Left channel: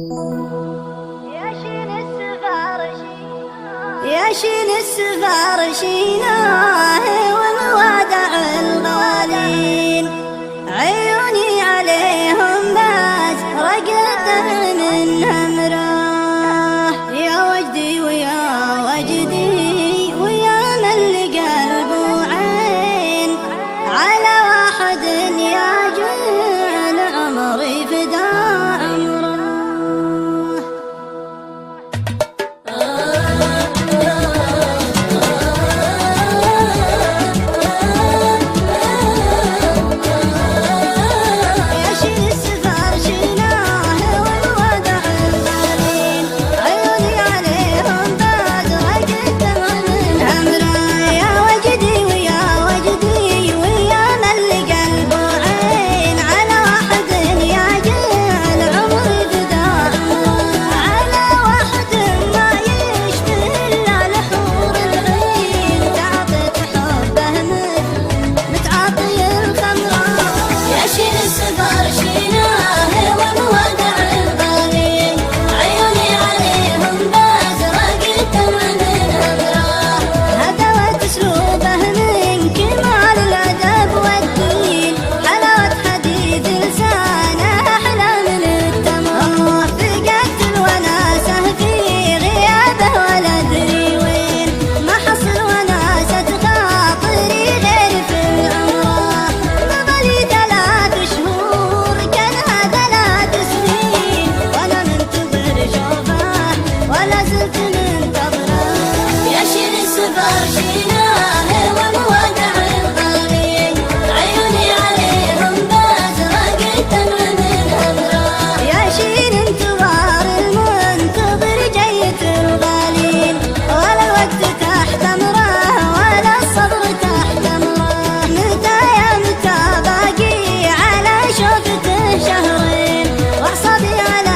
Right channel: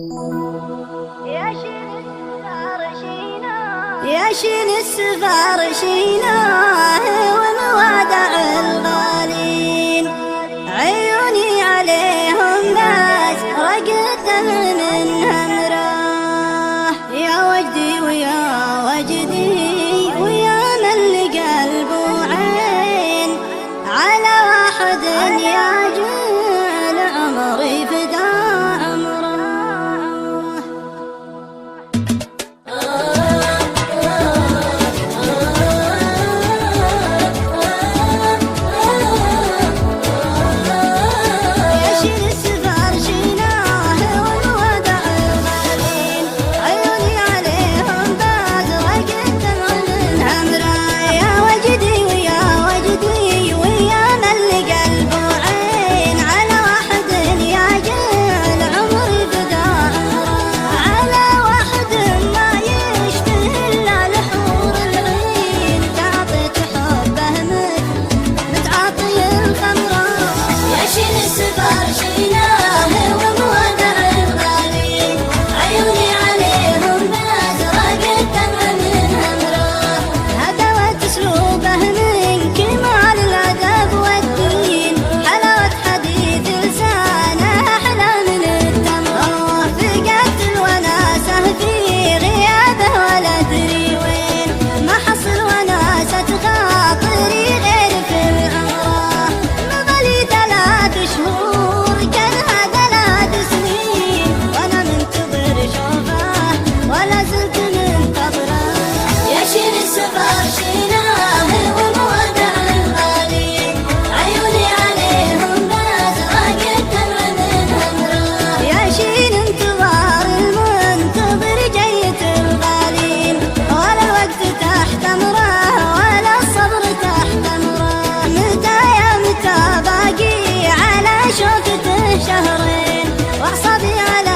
يا شين السفار شيناه وموادع الغالين، عيوني عليهم بس رقد منها مراه. يا وجدي ويا وجدي ويا من لقلب وعين، على واحد يجعل عمري فدا عمره. اسلوبه من كمال الادب والدين، حلاوة حديث لسانه احلى من التمر. فقدت الوناسه في غيابه ولا ادري وين، ما حصل وناسة خاطري غير في العمره. مضى 3 شهور كان هذا 3 سنين، وانا منتظر شوفه ولا زلت منتظره. يا شين السفر شينا شين انتظار المنتظر جيت الغالين، ولا الوقت تحت امره ولا الصبر تحت امره. متى يا متى باقي على شوفته شهرين، واعصابي على